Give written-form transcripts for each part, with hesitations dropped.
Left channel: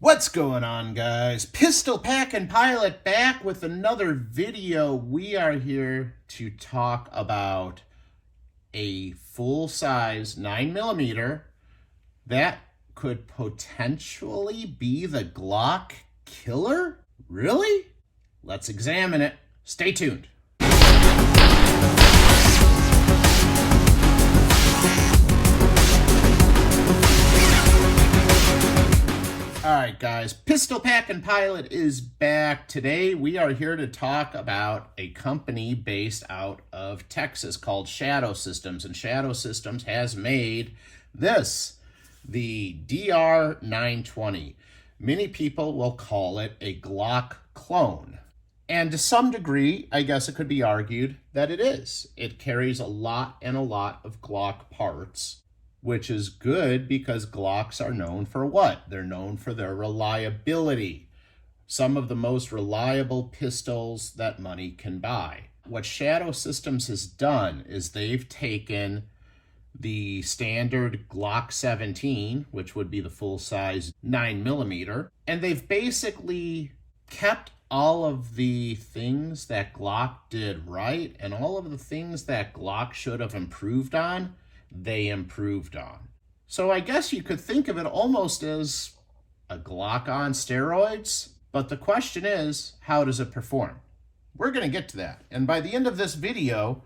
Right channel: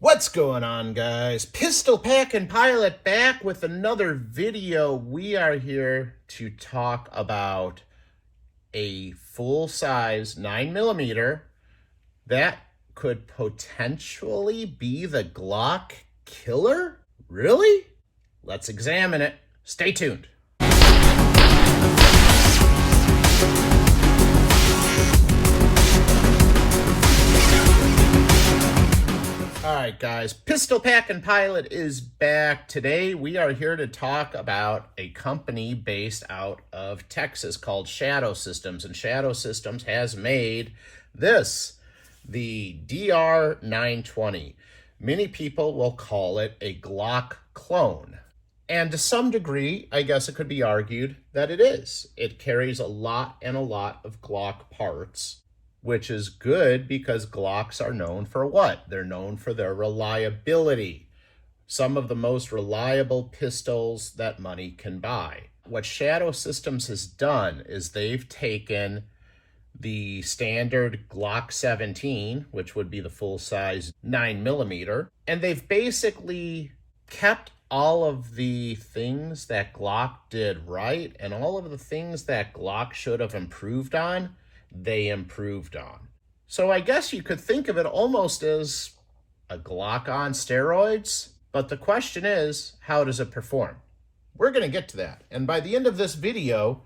What's going on, guys? Pistol Packin' Pilot back with another video. We are here to talk about a full-size 9mm that could potentially be the Glock killer? Really? Let's examine it. Stay tuned. Alright guys, Pistol Packin' Pilot is back. Today we are here to talk about a company based out of Texas called Shadow Systems. And Shadow Systems has made this, the DR920. Many people will call it a Glock clone. And to some degree, I guess it could be argued that it is. It carries a lot of Glock parts, which is good because Glocks are known for what? They're known for their reliability. Some of the most reliable pistols that money can buy. What Shadow Systems has done is they've taken the standard Glock 17, which would be the full-size 9mm, and they've basically kept all of the things that Glock did right and all of the things that Glock should have improved on, they improved on. So I guess you could think of it almost as a Glock on steroids, but the question is, how does it perform? We're going to get to that. And by the end of this video,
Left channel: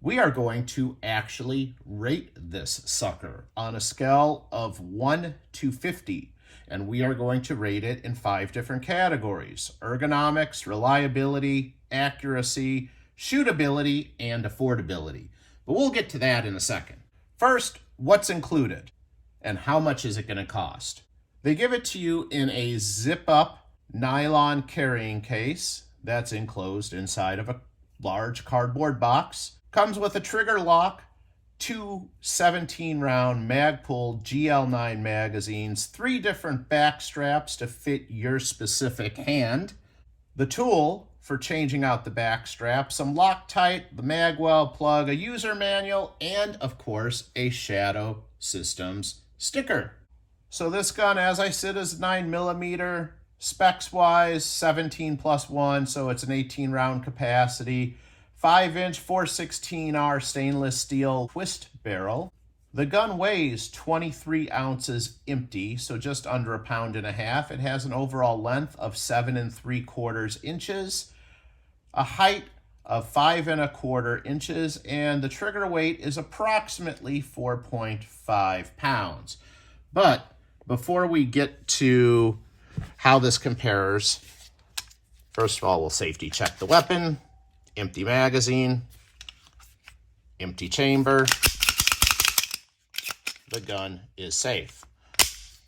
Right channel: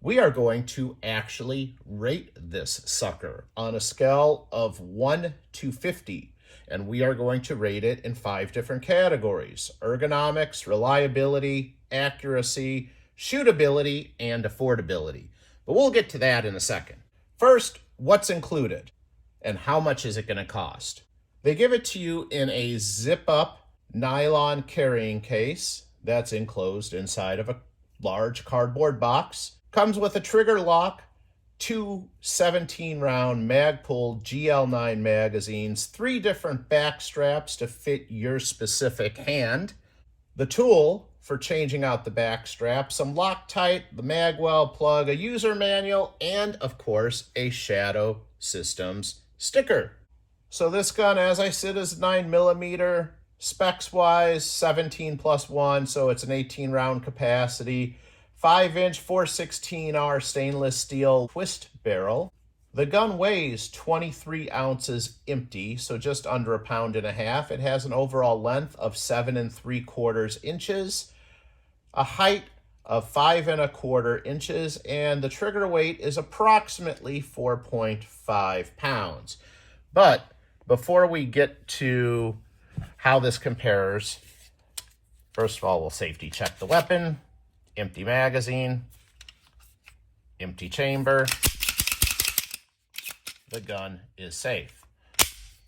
we are going to actually rate this sucker on a scale of 1 to 50. And we are going to rate it in 5 different categories: ergonomics, reliability, accuracy, shootability, and affordability. But we'll get to that in a second. First, what's included and how much is it going to cost? They give it to you in a zip-up nylon carrying case that's enclosed inside of a large cardboard box. Comes with a trigger lock, 2 17-round Magpul GL9 magazines, 3 different back straps to fit your specific hand, the tool for changing out the back strap, some Loctite, the magwell plug, a user manual, and of course a Shadow Systems sticker. So this gun, as I said, is 9mm, specs wise 17+1, so it's an 18-round capacity, 5-inch 416R stainless steel twist barrel. The gun weighs 23 ounces empty, so just under 1.5 pounds. It has an overall length of 7 3/4 inches, a height of 5 1/4 inches, and the trigger weight is approximately 4.5 pounds. But before we get to how this compares, first of all, we'll safety check the weapon. Empty magazine, empty chamber. The gun is safe.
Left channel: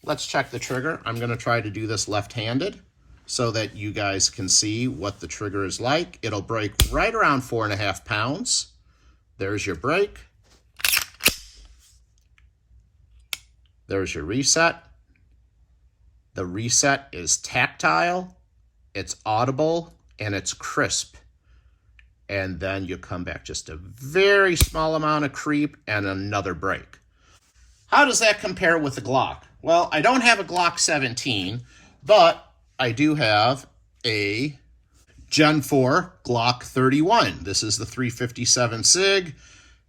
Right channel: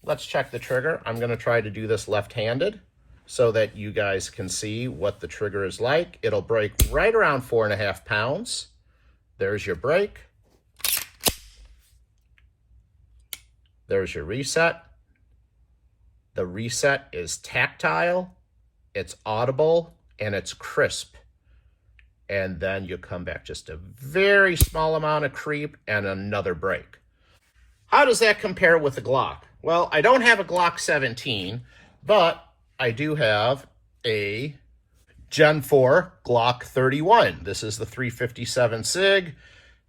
Let's check the trigger. I'm going to try to do this left-handed so that you guys can see what the trigger is like. It'll break right around 4.5 pounds. There's your break. There's your reset. The reset is tactile, it's audible, and it's crisp. And then you come back just a very small amount of creep and another break. How does that compare with the Glock? Well, I don't have a Glock 17, but I do have a Gen 4 Glock 31. This is the 357 SIG.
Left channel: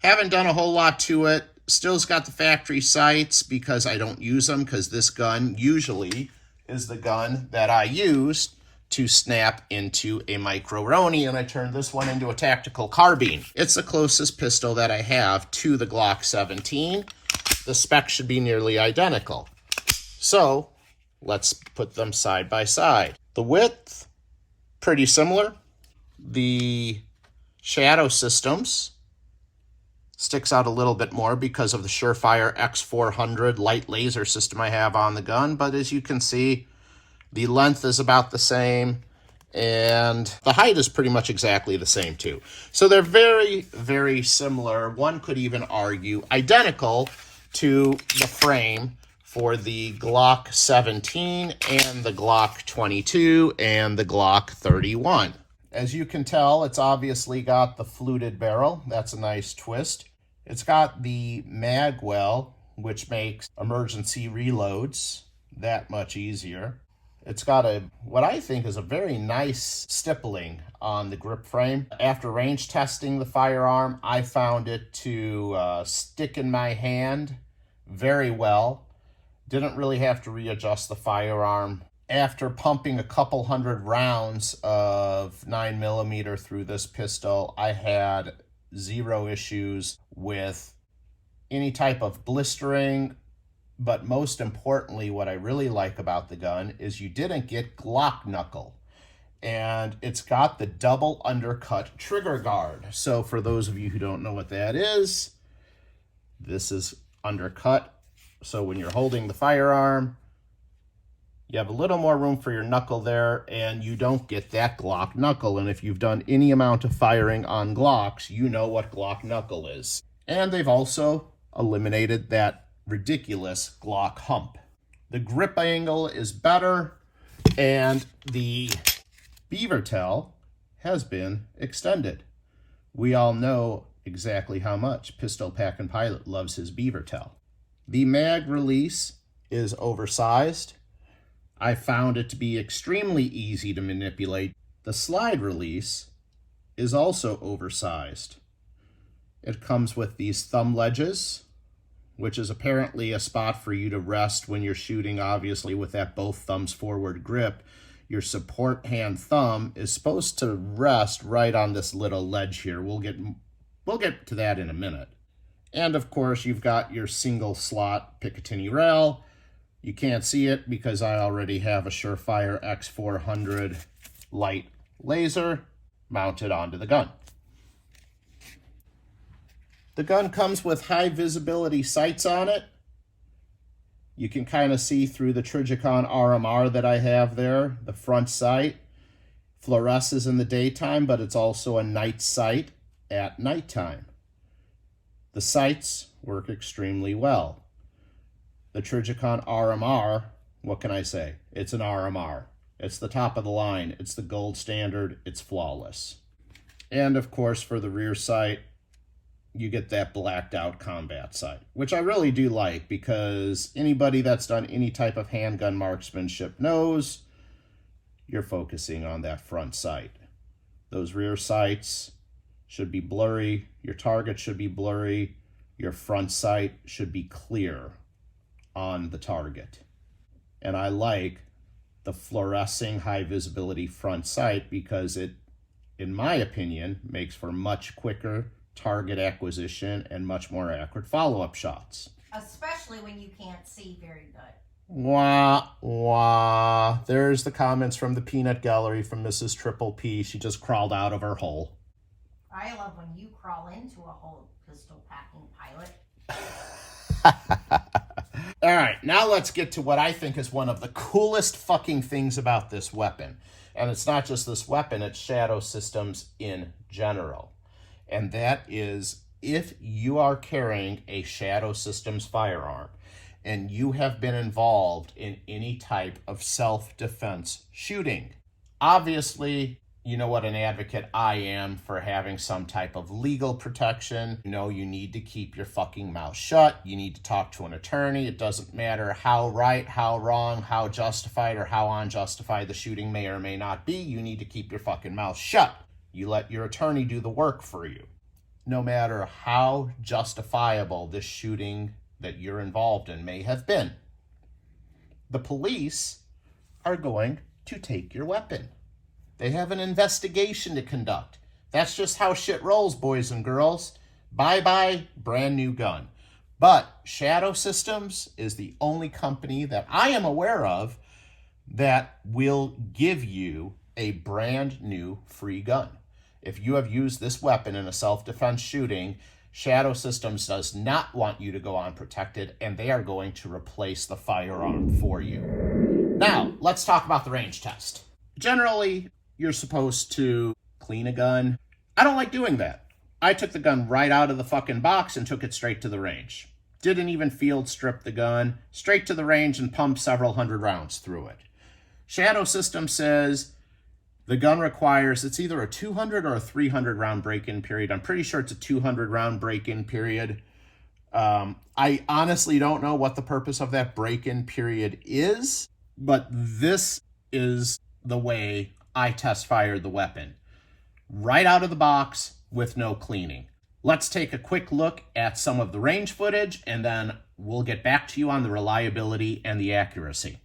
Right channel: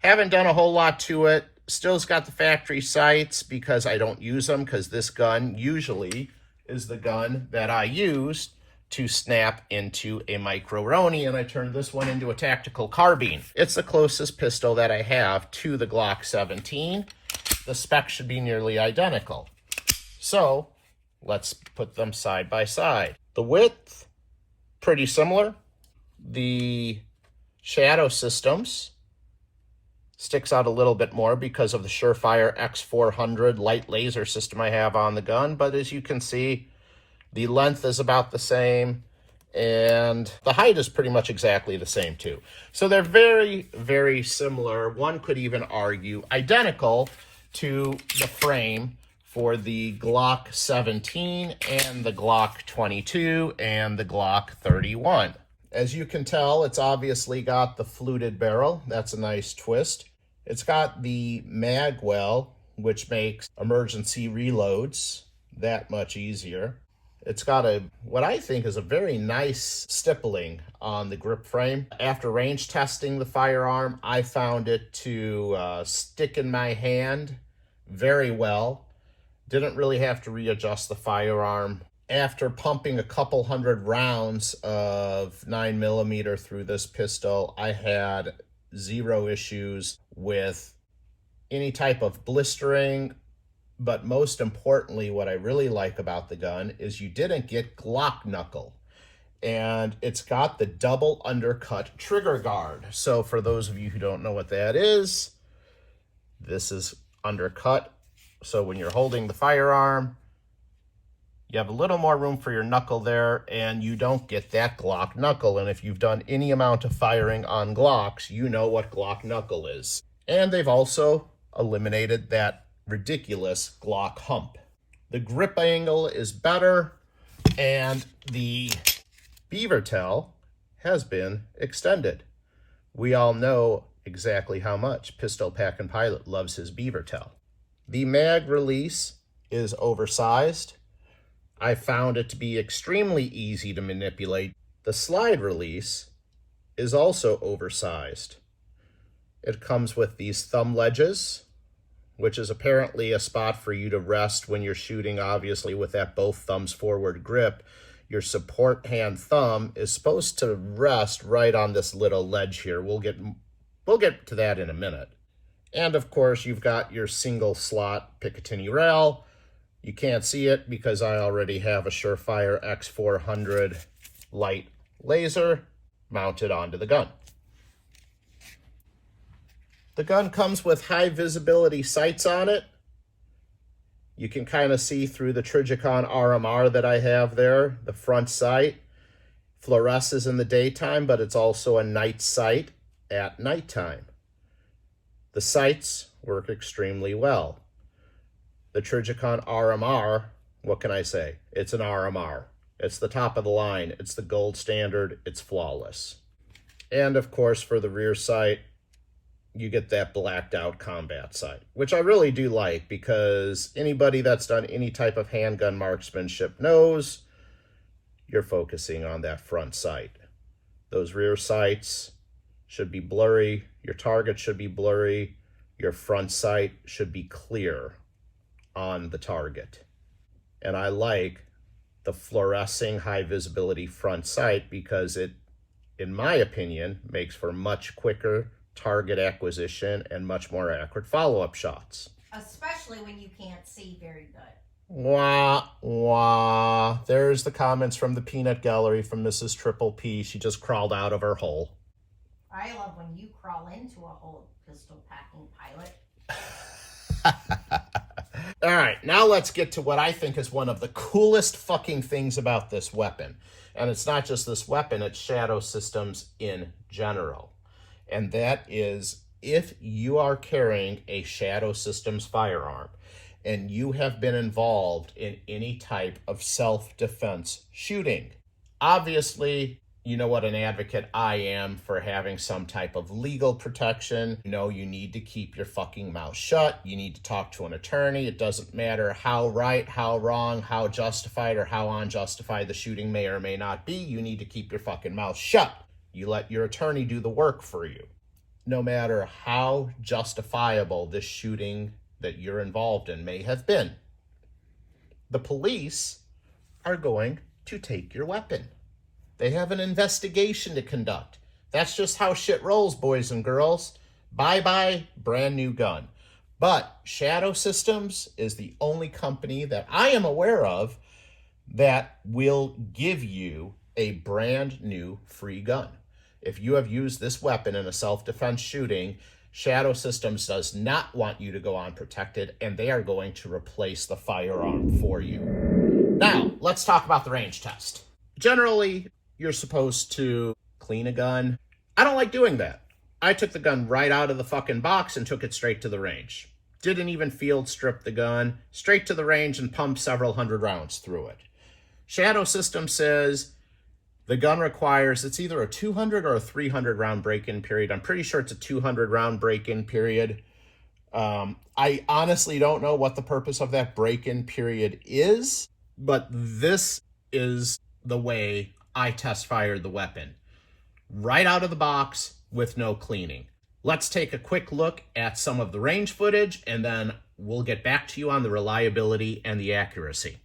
Haven't done a whole lot to it. Still's got the factory sights because I don't use them, because this gun usually is the gun that I use to snap into a micro-roni, and I turned this one into a tactical carbine. It's the closest pistol that I have to the Glock 17. The specs should be nearly identical. So let's put them side by side. The width, pretty similar. The Shadow Systems sticks out a little bit more because of the Surefire X400 light laser system I have on the gun, but as you can see, the length is about the same, and the height is pretty much exactly the same too. So they're very similar. One could even argue identical to the frame for the Glock 17 and the Glock 22 and the Glock 31. As you can tell, it's obviously got the fluted barrel. That's a nice twist. It's got the magwell, which makes emergency reloads that much easier. It's got what I think is a very nice stippling on the grip frame. After range testing the firearm, I found it to stick in my hand very well. Didn't really have to readjust the firearm. After pumping a couple hundred rounds of 9mm through this pistol, I had zero issues with any type of blistering. But most importantly, what I really like about the gun is you didn't get Glock knuckle. And it's got the double undercut trigger guard. So for those of you who don't know what that is, this is undercut. So when you're holding the firearm, you have a little more room for your knuckle there, and you don't get that Glock knuckle. And if you've done any amount of firing on Glocks, you know what Glock knuckle is. And they've also eliminated that ridiculous Glock hump. The grip angle is better, and the beaver tail has been extended. We all know exactly how much Pistol Packin' Pilot loves his beaver tail. The mag release is oversized. I found it to be extremely easy to manipulate. The slide release is also oversized. It comes with these thumb ledges, which is apparently a spot for you to rest when you're shooting, obviously, with that both thumbs forward grip. Your support hand thumb is supposed to rest right on this little ledge here. We'll get to that in a minute. And of course, you've got your single slot Picatinny rail. You can't see it because I already have a Surefire X400 light laser mounted onto the gun. The gun comes with high visibility sights on it. You can kind of see through the Trijicon RMR that I have there. The front sight fluoresces in the daytime, but it's also a night sight at nighttime. The sights work extremely well. The Trijicon RMR, what can I say? It's an RMR. It's the top of the line. It's the gold standard. It's flawless. And of course, for the rear sight, you get that blacked out combat sight, which I really do like, because anybody that's done any type of handgun marksmanship knows you're focusing on that front sight. Those rear sights should be blurry. Your target should be blurry. Your front sight should be clear on the target. And I like the fluorescing high visibility front sight because it, in my opinion, makes for much quicker target acquisition and much more accurate follow-up shots. Especially when you can't see very good. Wah, wah. There's the comments from the peanut gallery from Mrs. Triple P. She just crawled out of her hole. I love when you crawl into a hole, Pistol Packin' Pilot. All right, now let's get to what I think is one of the coolest fucking things about this weapon. And it's not just this weapon, it's Shadow Systems in general. And that is, if you are carrying a Shadow Systems firearm and you have been involved in any type of self-defense shooting, obviously, you know what an advocate I am for having some type of legal protection. You know, you need to keep your fucking mouth shut. You need to talk to an attorney. It doesn't matter how right, how wrong, how justified, or how unjustified the shooting may or may not be. You need to keep your fucking mouth shut. You let your attorney do the work for you. No matter how justifiable this shooting that you're involved in may have been, the police are going to take your weapon. They have an investigation to conduct. That's just how shit rolls, boys and girls. Bye-bye, brand new gun. But Shadow Systems is the only company that I am aware of that will give you a brand new free gun. If you have used this weapon in a self-defense shooting, Shadow Systems does not want you to go unprotected, and they are going to replace the firearm for you. Now, let's talk about the range test. Generally, you're supposed to clean a gun. I don't like doing that. I took the gun right out of the fucking box and took it straight to the range. Didn't even field strip the gun, straight to the range and pumped several hundred rounds through it. Shadow System says the gun requires, it's either a 200 or a 300 round break-in period. I'm pretty sure it's a 200 round break-in period. I honestly don't know what the purpose of that break-in period is, but this is the way I test fired the weapon. Right out of the box with no cleaning. Let's take a quick look at some of the range footage, and then we'll get back to you on the reliability and the accuracy.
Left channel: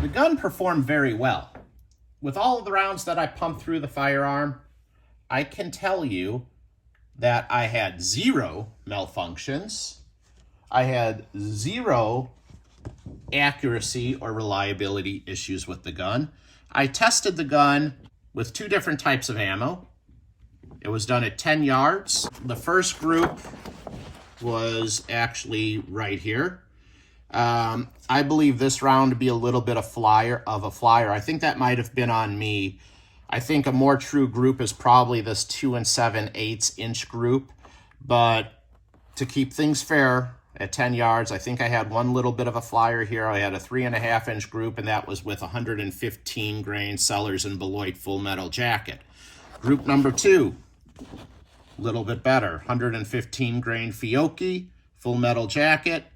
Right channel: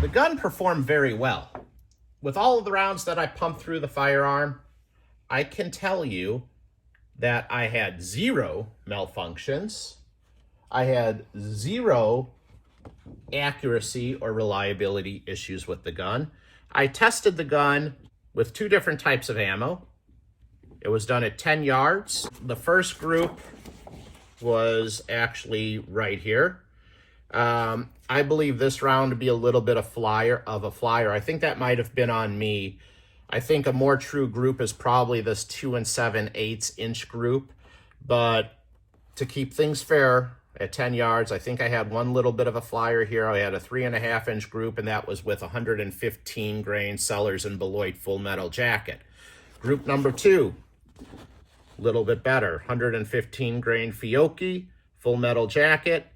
The gun performed very well. With all of the rounds that I pumped through the firearm, I can tell you that I had 0 malfunctions. I had 0 accuracy or reliability issues with the gun. I tested the gun with 2 different types of ammo. It was done at 10 yards. The first group was actually right here. I believe this round to be a little bit of a flyer. I think that might have been on me. I think a more true group is probably this 2 7/8 inch group. But to keep things fair, at 10 yards, I think I had one little bit of a flyer here. I had a 3.5 inch group, and that was with 115 grain Sellers and Beloit full metal jacket. Group number 2, a little bit better, 115 grain Fiocchi full metal jacket.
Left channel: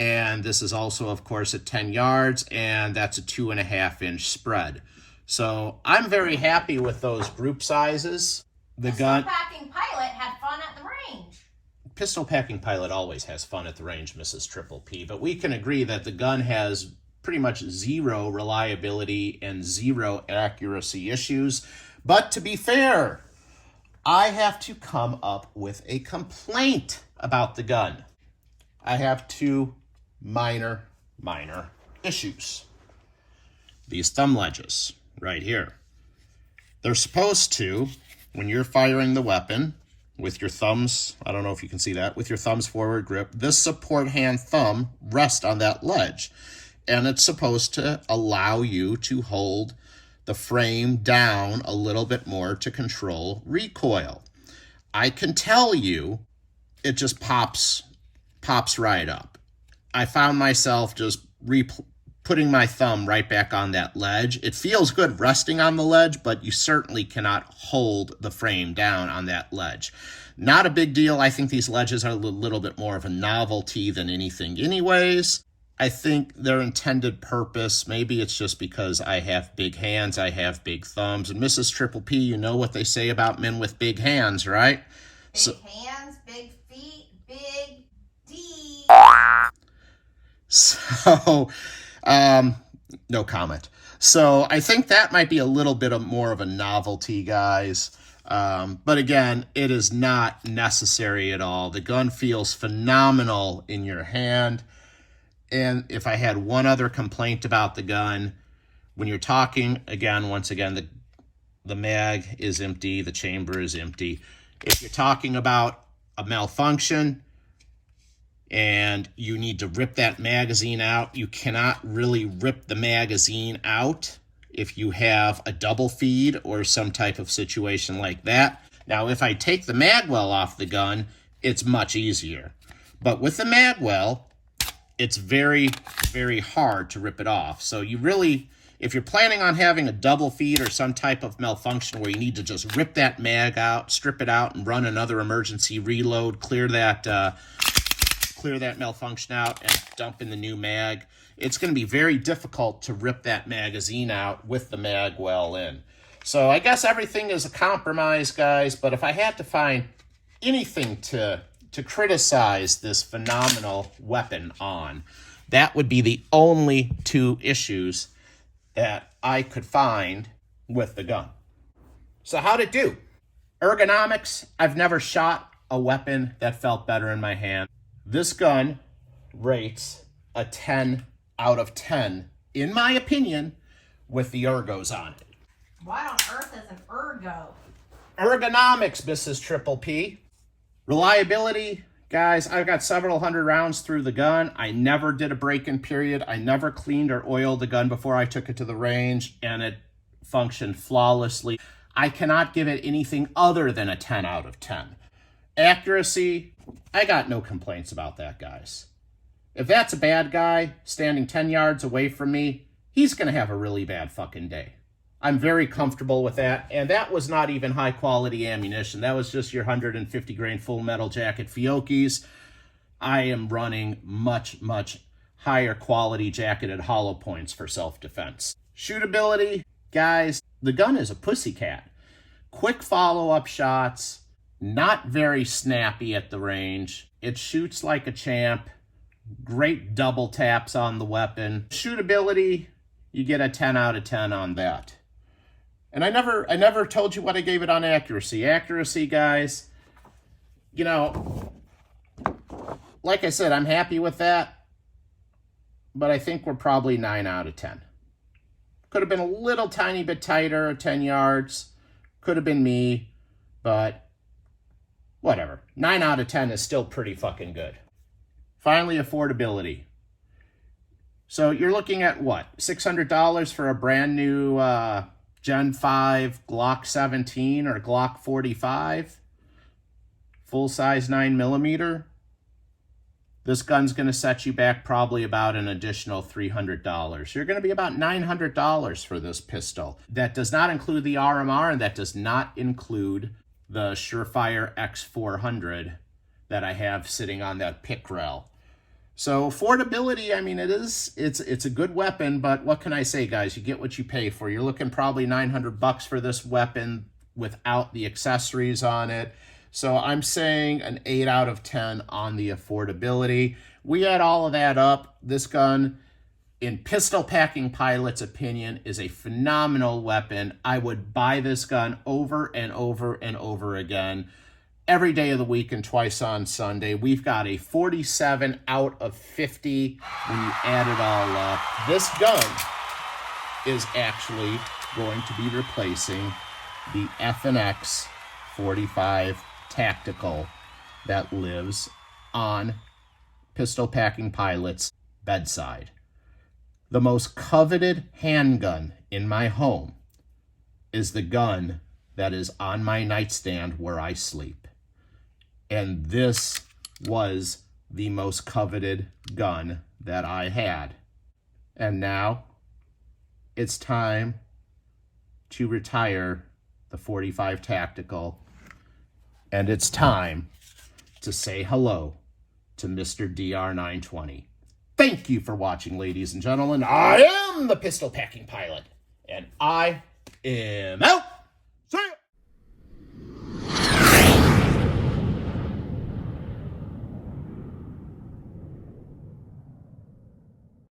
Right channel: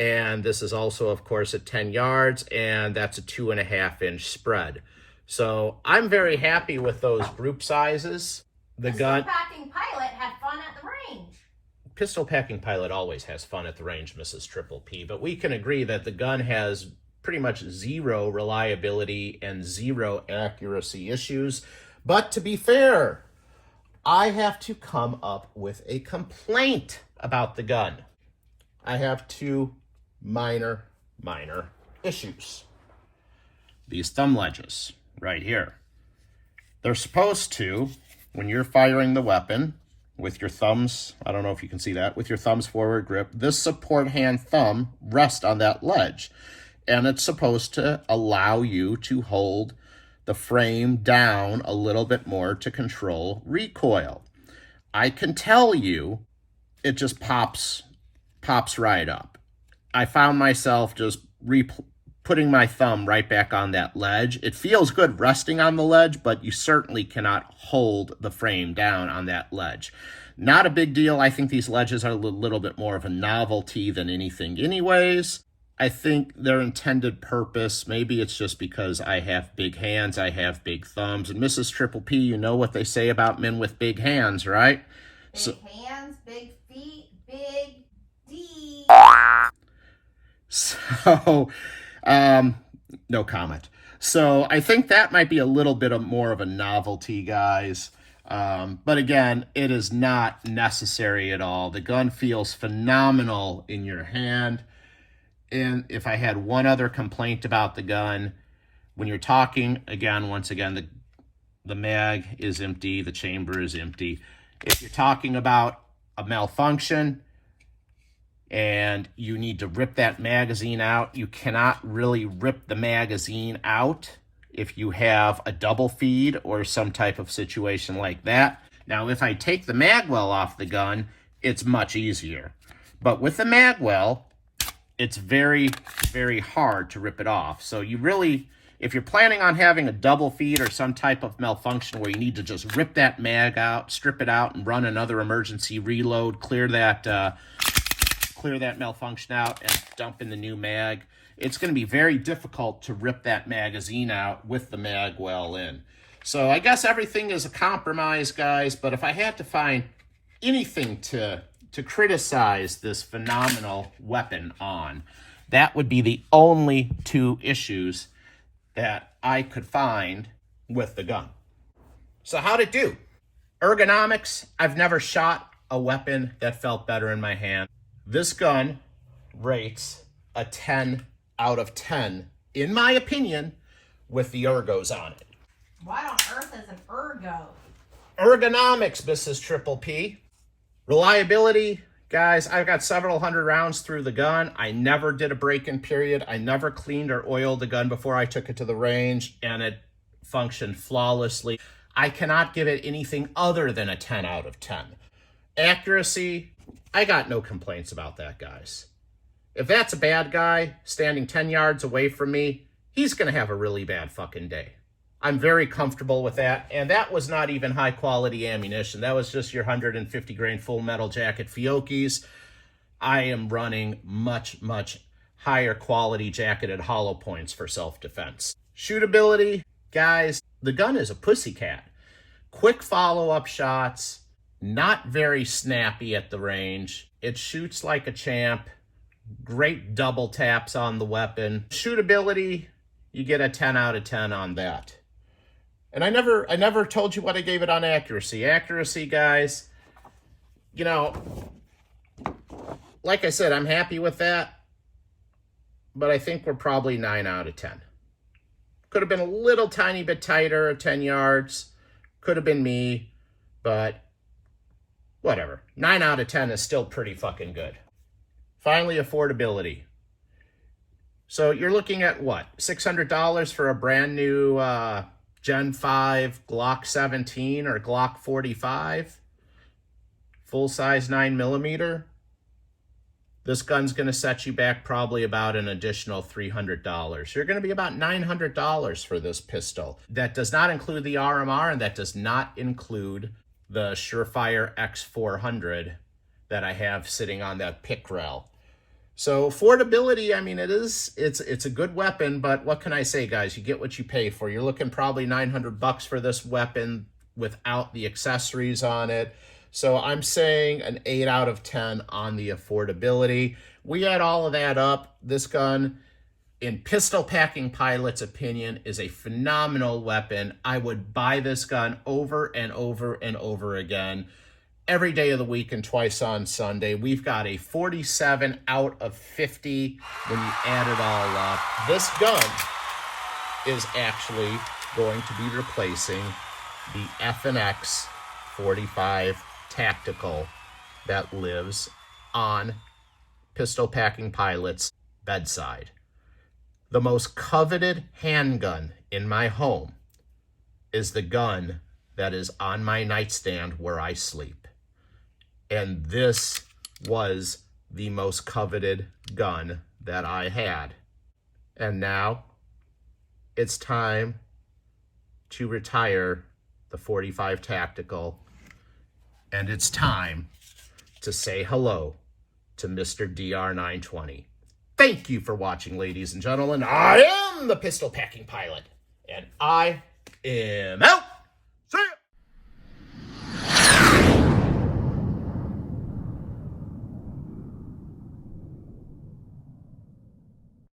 And this is also, of course, at 10 yards, and that's a 2.5 inch spread. So I'm very happy with those group sizes. The gun. Pistol Packing Pilot had fun at the range. Pistol Packing Pilot always has fun at the range, Mrs. Triple P, but we can agree that the gun has pretty much 0 reliability and 0 accuracy issues. But to be fair, I have to come up with a complaint about the gun. I have 2 minor issues. These thumb ledges right here. They're supposed to, when you're firing the weapon with your thumbs, I don't know if you can see that, with your thumbs forward grip, this support hand thumb rests on that ledge. And it's supposed to allow you to hold the frame down a little bit more to control recoil. I can tell you, it just pops right up. I found myself just putting my thumb right back on that ledge. It feels good resting on the ledge, but you certainly cannot hold the frame down on that ledge. Not a big deal. I think these ledges are a little bit more of a novelty than anything anyways. I think their intended purpose, maybe it's just because I have big hands, I have big thumbs. And Mrs. Triple P, you know what they say about men with big hands, right? Big hands, big feet, big D. So, no comment. So I think that might be a little bit more of a novelty, guys. But again, it is not necessary at all. The gun feels phenomenal in your hand. And if I had one other complaint about the gun, when you're talking, once again, the mag is empty, the chamber is empty. If you're talking about a malfunction and you need to rip that magazine out, you cannot really rip the magazine out if you have a double feed or some type of situation like that. Now, if I take the magwell off the gun, it's much easier. But with the magwell, it's very, very hard to rip it off. So you really, if you're planning on having a double feed or some type of malfunction where you need to just rip that mag out, strip it out, and run another emergency reload, clear that malfunction out, and dump in the new mag, it's going to be very difficult to rip that magazine out with the magwell in. So I guess everything is a compromise, guys, but if I had to find anything to criticize this phenomenal weapon on, that would be the only two issues that I could find with the gun. So how'd it do? Ergonomics, I've never shot a weapon that felt better in my hand. This gun rates a 10 out of 10, in my opinion, with the ergos on it. What on earth is an ergo? Ergonomics, Mrs. Triple P. Reliability, guys, I've got several hundred rounds through the gun. I never did a break-in period. I never cleaned or oiled the gun before I took it to the range, and it functioned flawlessly. I cannot give it anything other than a 10 out of 10. Accuracy, I got no complaints about that, guys. If that's a bad guy standing 10 yards away from me, he's going to have a really bad fucking day. I'm very comfortable with that, and that was not even high-quality ammunition. That was just your 150 grain full metal jacket Fiocchis. I am running much, much higher quality jacketed hollow points for self-defense. Shootability, guys, the gun is a pussycat. Quick follow-up shots, not very snappy at the range. It shoots like a champ. Great double taps on the weapon. Shootability, you get a 10 out of 10 on that. And I never told you what I gave it on accuracy. Accuracy, guys, you know, like I said, I'm happy with that, but I think we're probably 9 out of 10. Could have been a little tiny bit tighter at 10 yards. Could have been me, but whatever. 9 out of 10 is still pretty fucking good. Finally, affordability. So you're looking at what? $600 for a brand new Gen 5 Glock 17 or Glock 45? Full-size 9mm? This gun's going to set you back probably about an additional $300. You're going to be about $900 for this pistol. That does not include the RMR, and that does not include the Surefire X400 that I have sitting on that pick rail. So affordability, I mean, it's a good weapon, but what can I say, guys? You get what you pay for. You're looking probably $900 for this weapon without the accessories on it. So I'm saying an 8 out of 10 on the affordability. We add all of that up. This gun, in Pistol Packing Pilot's opinion, is a phenomenal weapon. I would buy this gun over and over and over again. Every day of the week and twice on Sunday. We've got a 47 out of 50 when you add it all up. This gun is actually going to be replacing the F&X 45 Tactical that lives on Pistol Packing Pilot's bedside. The most coveted handgun in my home is the gun that is on my nightstand where I sleep. And this was the most coveted gun that I had. And now it's time to retire the 45 Tactical. And it's time to say hello to Mr. DR920. Thank you for watching, ladies and gentlemen. I am the Pistol Packing Pilot, and I am out.